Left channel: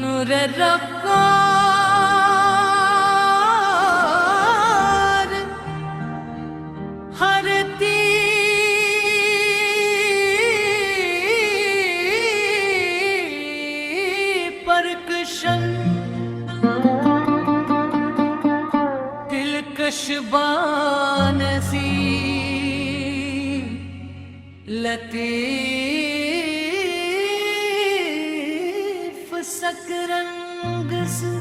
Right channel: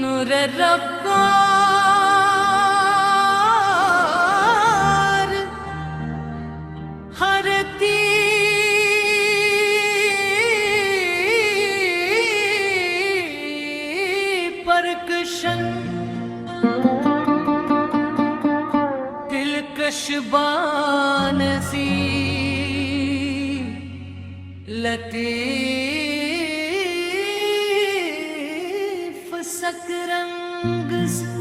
नूर रफ्तार हर परकशन दिलकश बानसी लतीफ सकरंग से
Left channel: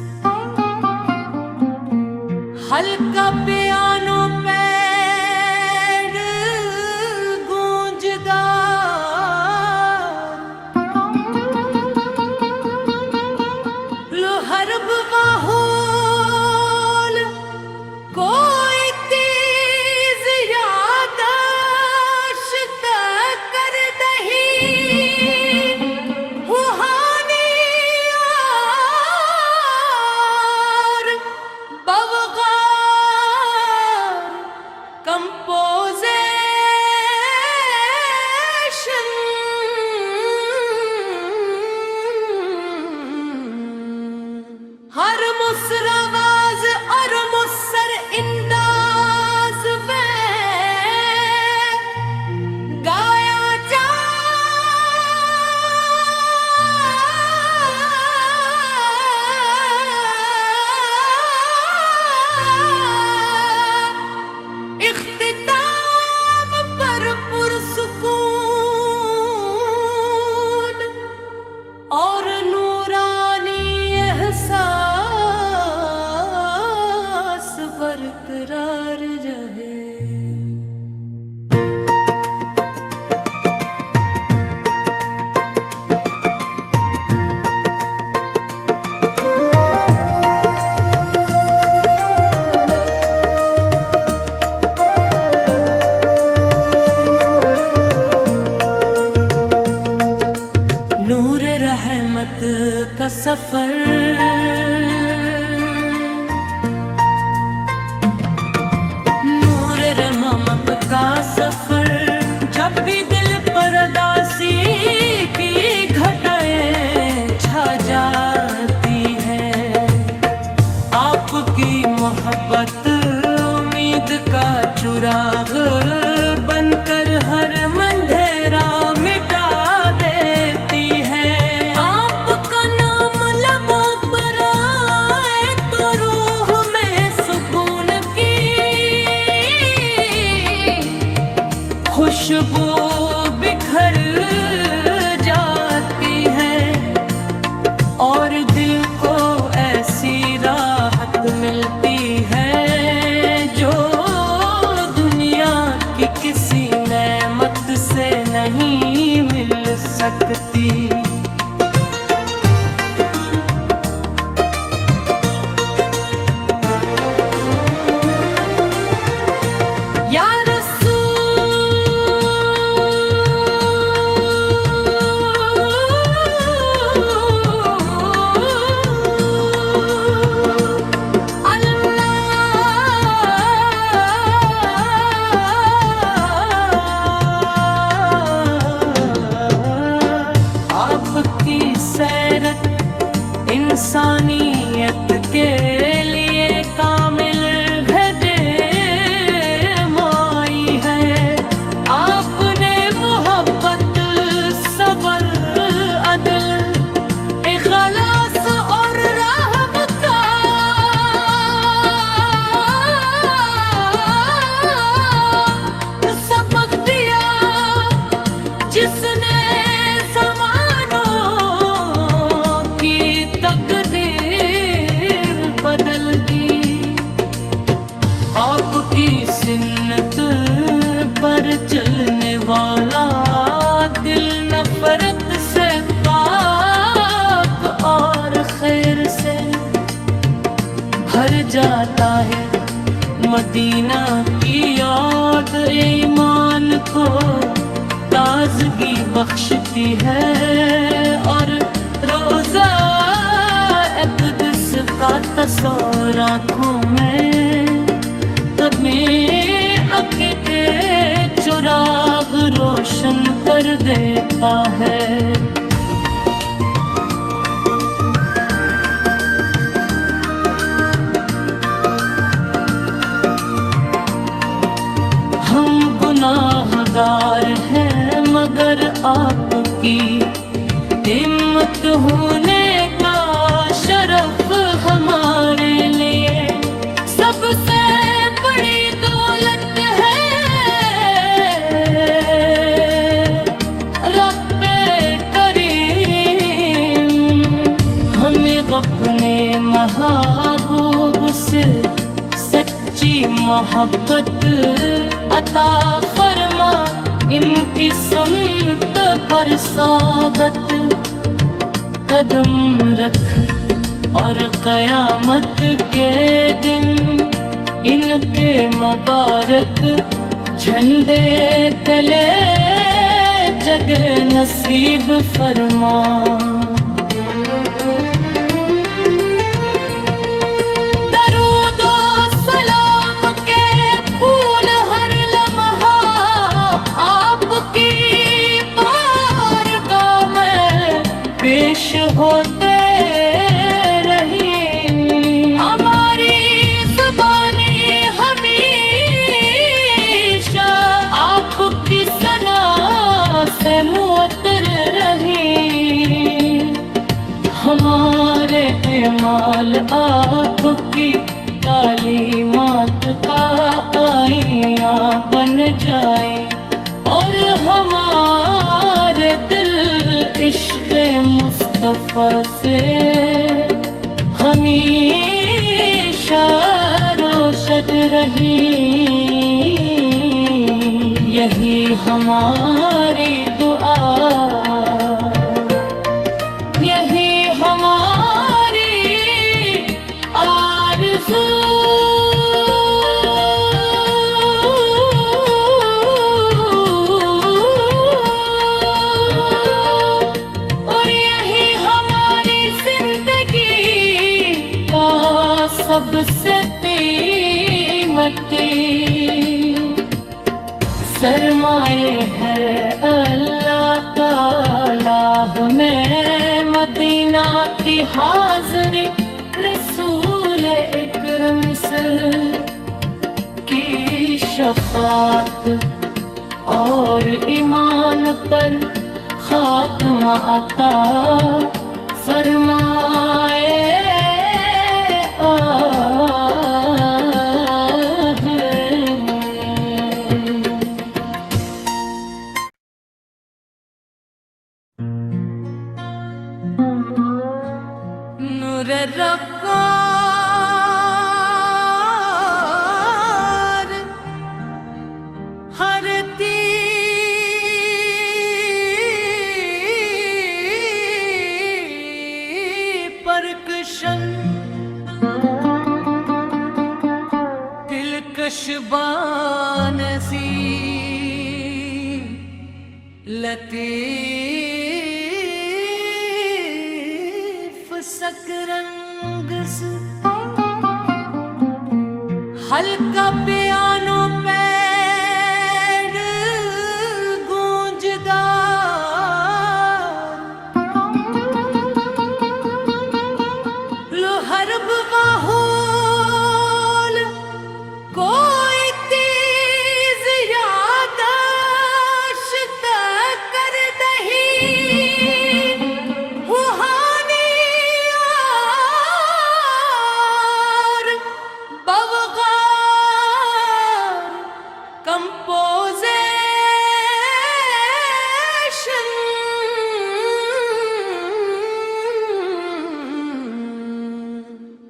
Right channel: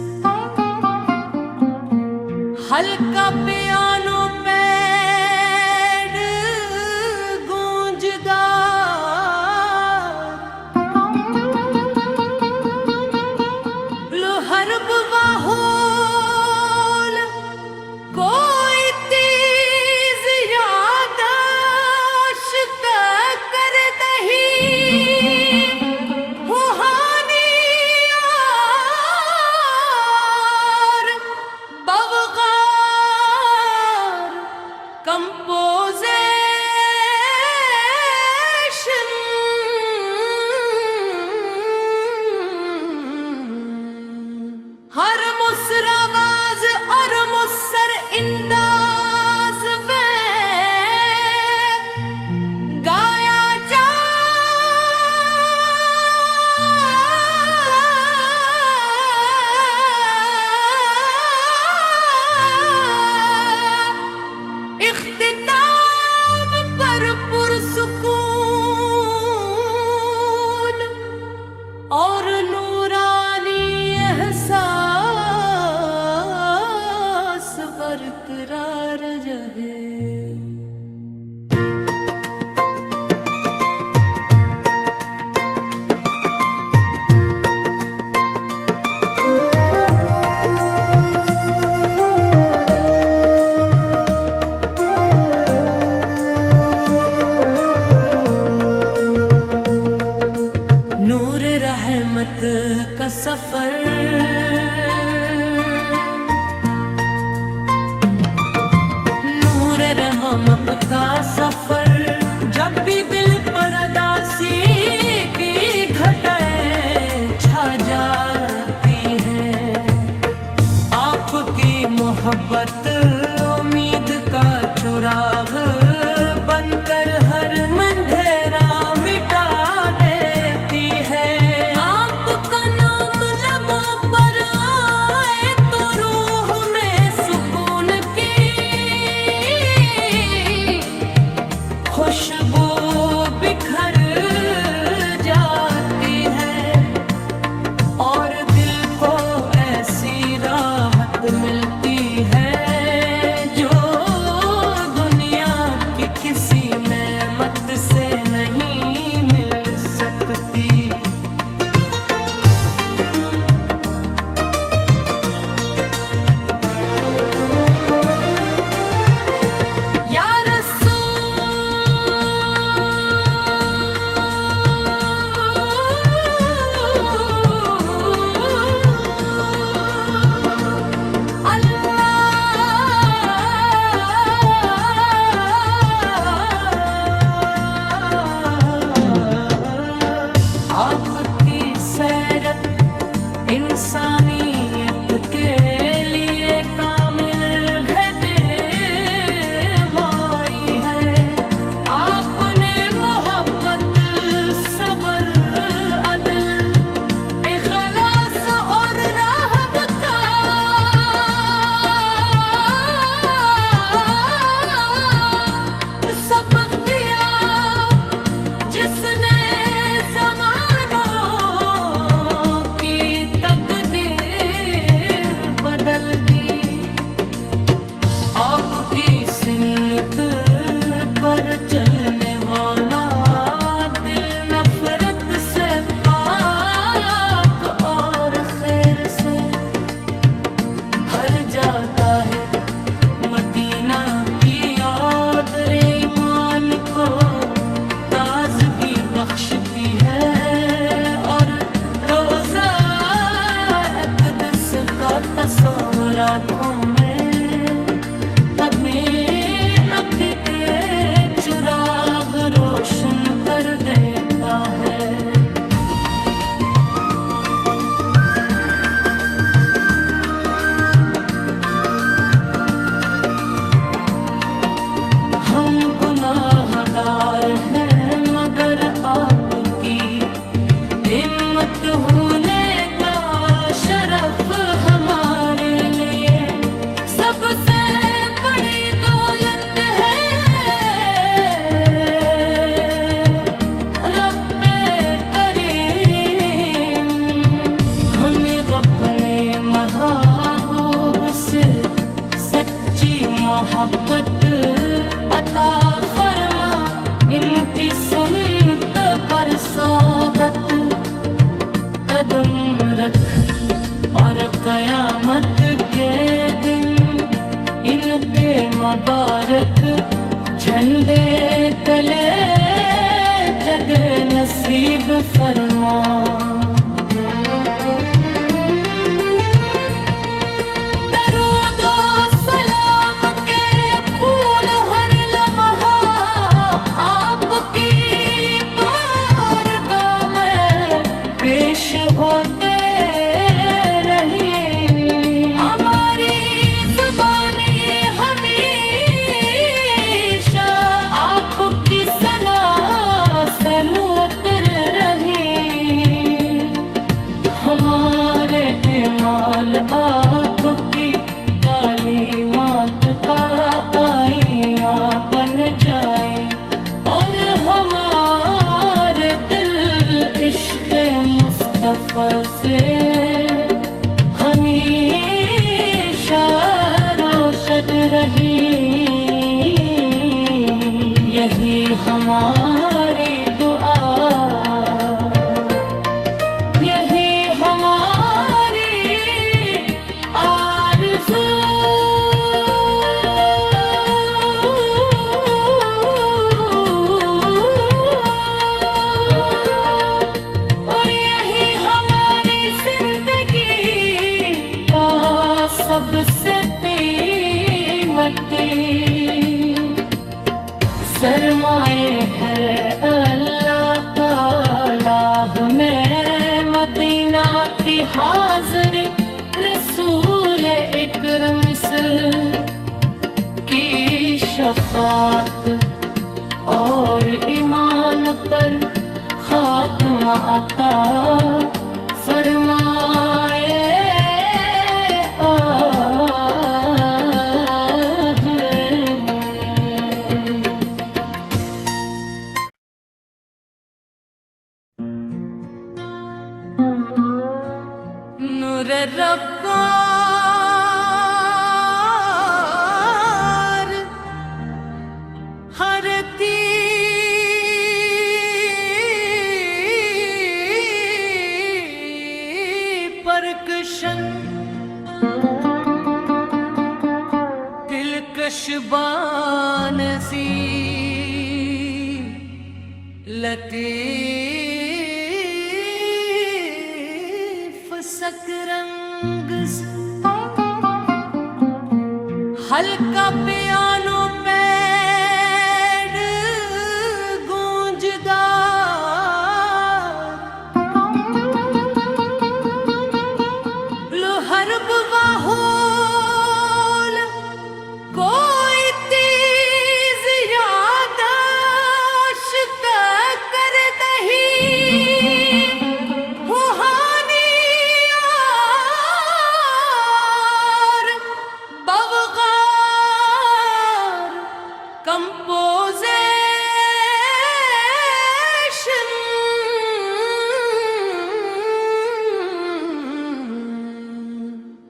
हल्का पियानो पैड गूंजदार लो हरब वाहुल कोई तेज यादाश्त कर दही हुहानी और बवगार कंपोजिशन हर मुसरावाज और मुसर इंदाज में गाया जा इख्तिताम पर पुरसुकून और नूरानी एहसास बरकरार रहे। नूर रहमत का सफर नूर रहमत का सफर जब भी दिल पर उदासी की घटाएं छा जाती है आपकी मोहब्बत उम्मीद का चुराग बनकर हर मंधेरा मिटा देती है। आपका नाम लबों पर आए तो रूह में सुकून की खुशबू बिखर जाती है और दिल को ऐसी राहत मिलती है जो दुनिया की किसी नेमत से नहीं मिल सकती। या आपकी सैरत इंसानियत के लिए कामिल माई है। आपने मोहब्बत सबर अदल इखलास और रहम का सबक दिया जिसने बदल दी। आपकी सिन्नत पर चलने वाला दिल नफरत से पाक और खैर से भर जाता है। मदीना की याद ईमान को ताजगी बख्शती है और रोजा का तस्वीर आँखों में कदमे अकेले चुराग रोशन कर देता है। मोहब्बत अता फरमा, इनकी सुन्नत पर साबत कदम रख, और क़यामत के दिन इनके मुबारक झंडे तले जगे नसीब फरमा। सबसे कीमती सरमाए है अल्लाह ताला हमें मदीना की हाज़री, रसूल इकरम की शफ़ाअत और ईमान पर खात्मा अता फरमाए। नूर रफ्तार हर परकशन दिलकश बान सी लतीफ सकरंग से हल्का पियानो पैड गूंजदार लो हरब वाहोल कोई तेज यादाश्त कर दही हुहानी और बवगार कंपोजिशन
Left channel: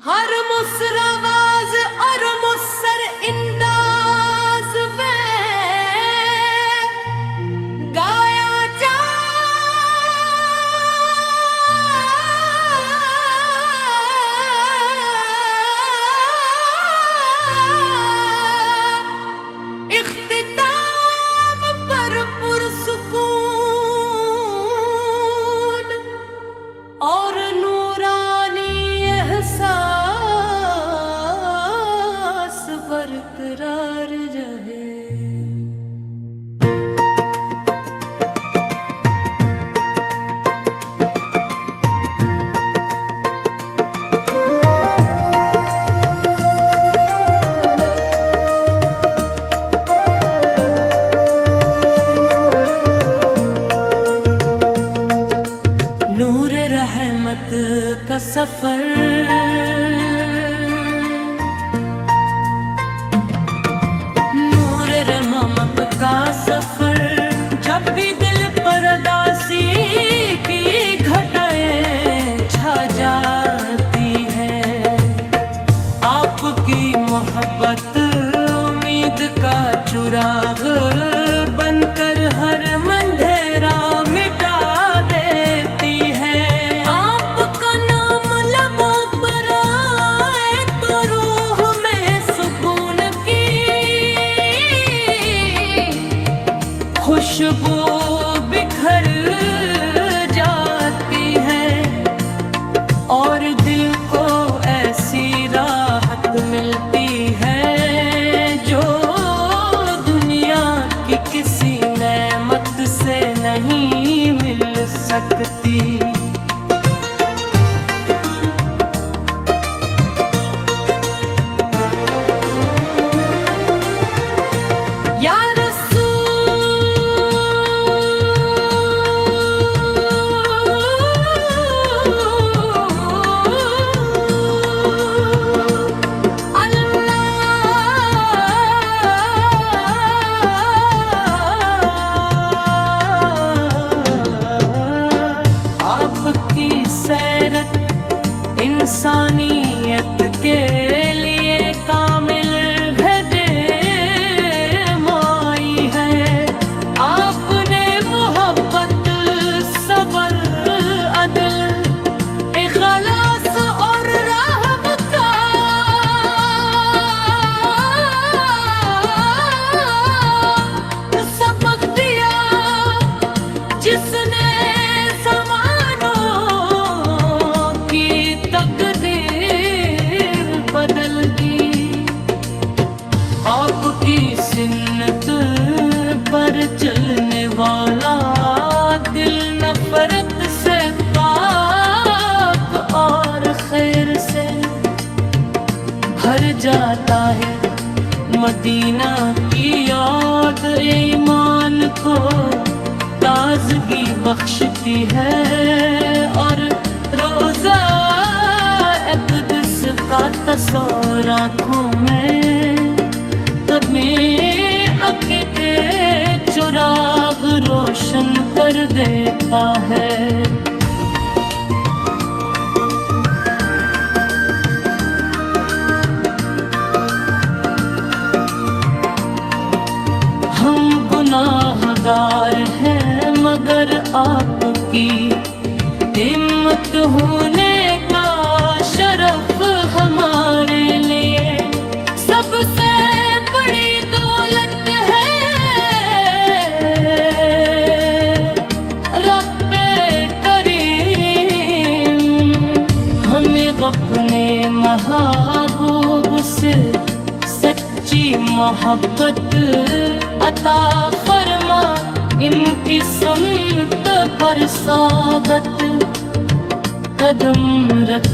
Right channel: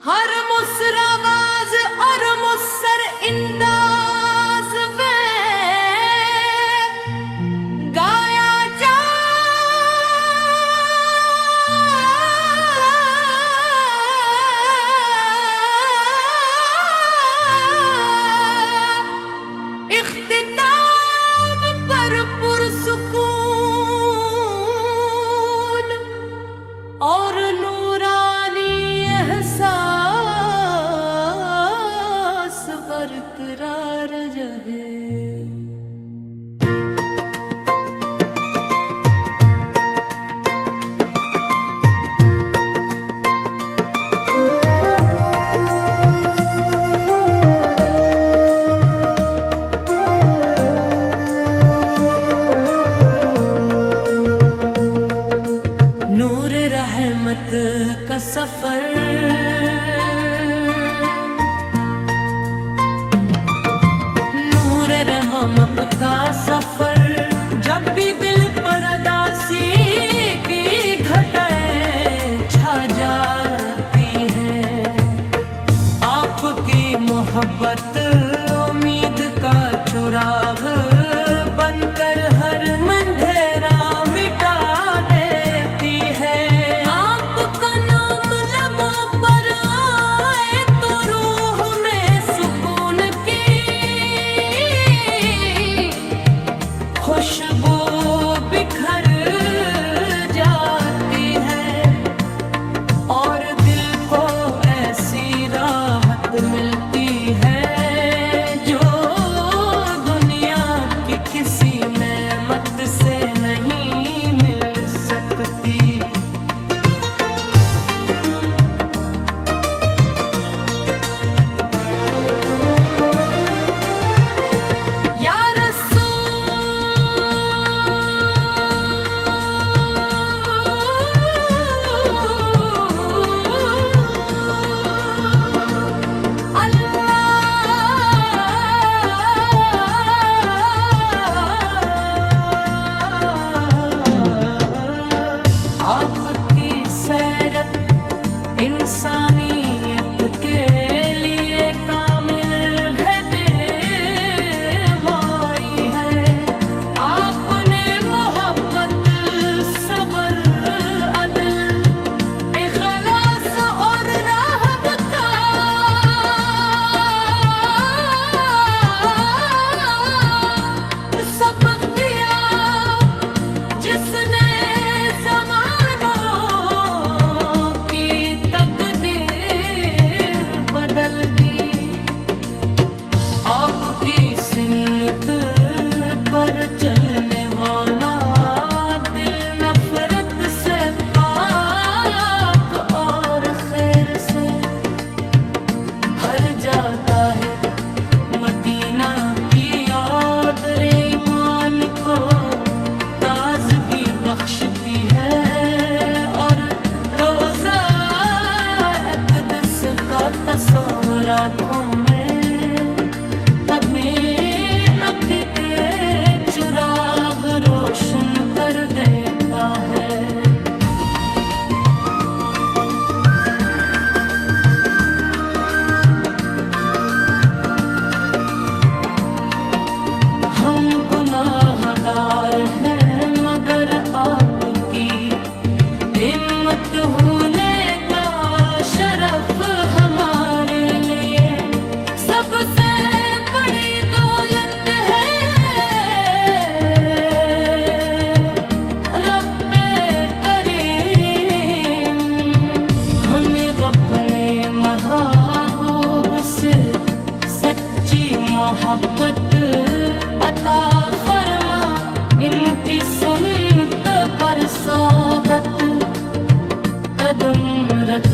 हर मुसरावाज और मुसर इंदाज में गाया जा इख्तिताम पर पुरसुकून और नूरानी एहसास बरकरार रहे। नूर रहमत का सफर नूर रहमत का सफर जब भी दिल पर उदासी की घटाएं छा जाती है आपकी मोहब्बत उम्मीद का चिराग बनकर हर अंधेरा मिटा देती है। आपका नाम लबों पर आए तो रूह में सुकून की खुशबू बिखर जाती है और दिल को ऐसी राहत मिलती है जो दुनिया की किसी नेमत से नहीं मिल सकती। या आपकी सैरत इंसानियत के लिए कामिल रहनुमाई है। आपने मोहब्बत, सबर, अदल, इखलास और रहम का सबक दिया, जिसने बदल दी। आपकी सुन्नत पर चलने वाला दिल नफरत से पाक और खैर से भर जाता है। मदीना की याद ईमान को ताजगी बख्शती है और रोजा का तस्वीर आँखों में कदमें अकेले चुराग रोशन कर देता है। हम गुनाहगार हैं मगर आपकी हिम्मत होने का शरफ हमारे लिए सबसे बड़ी दौलत है। रब्बे करीम हमें अपने महबूब से सच्ची मोहब्बत अता फरमा। इनकी सुन्नत पर साबत कदम रख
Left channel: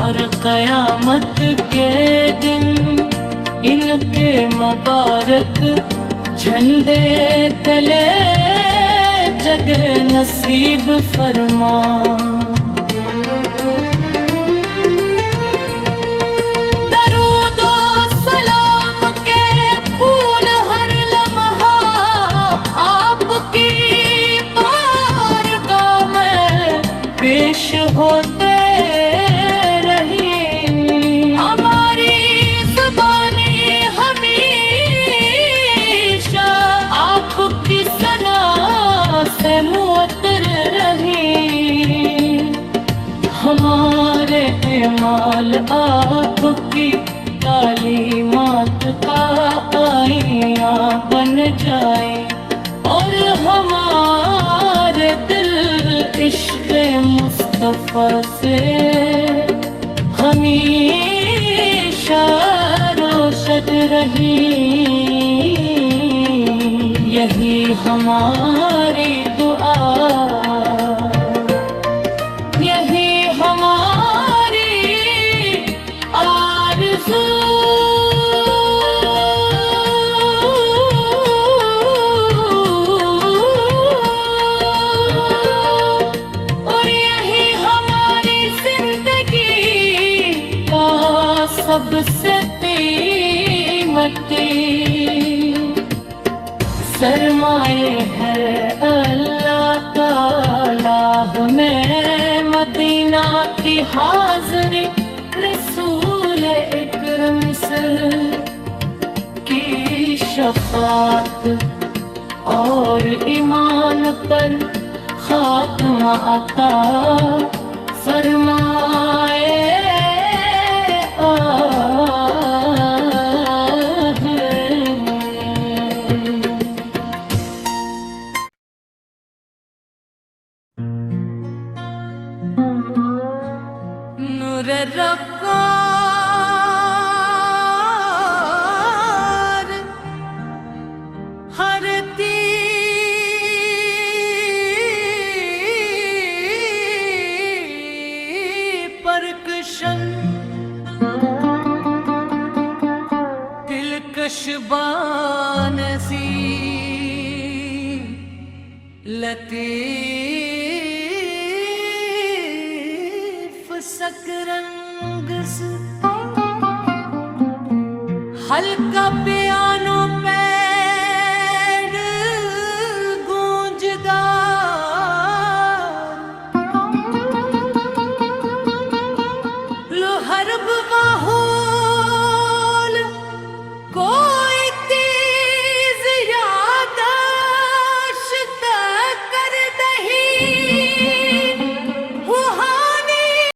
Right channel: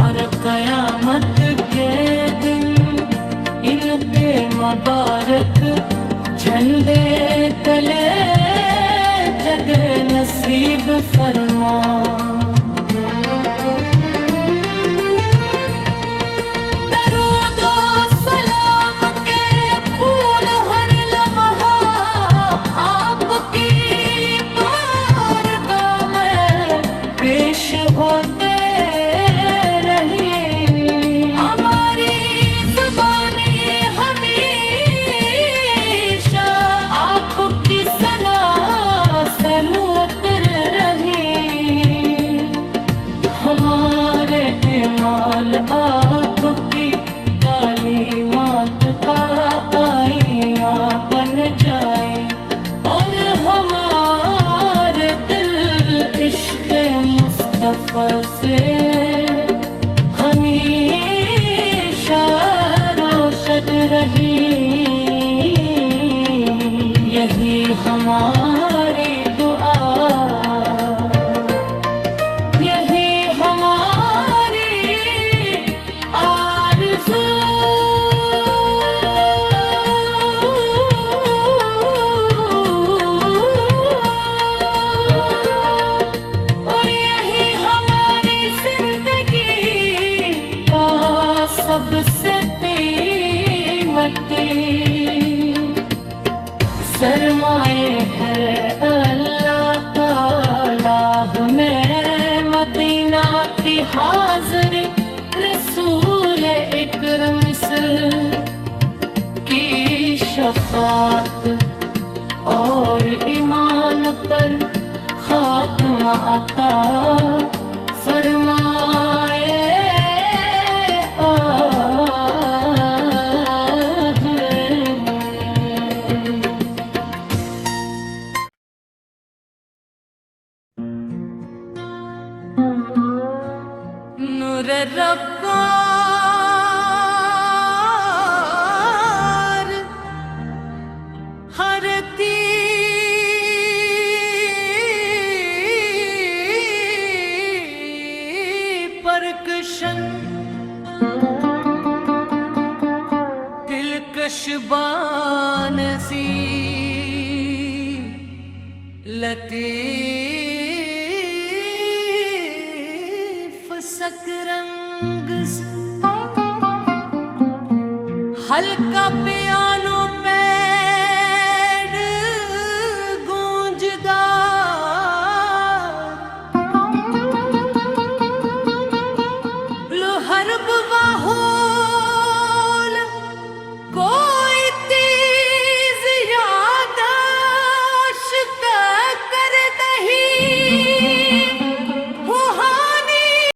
और क़यामत के दिन इनके मुबारक झंडे तले जगह नसीब फरमा। नूर रफ्कार हरती परकशन दिलकश बानसी लतीफ सकरंग से हल्का पियानो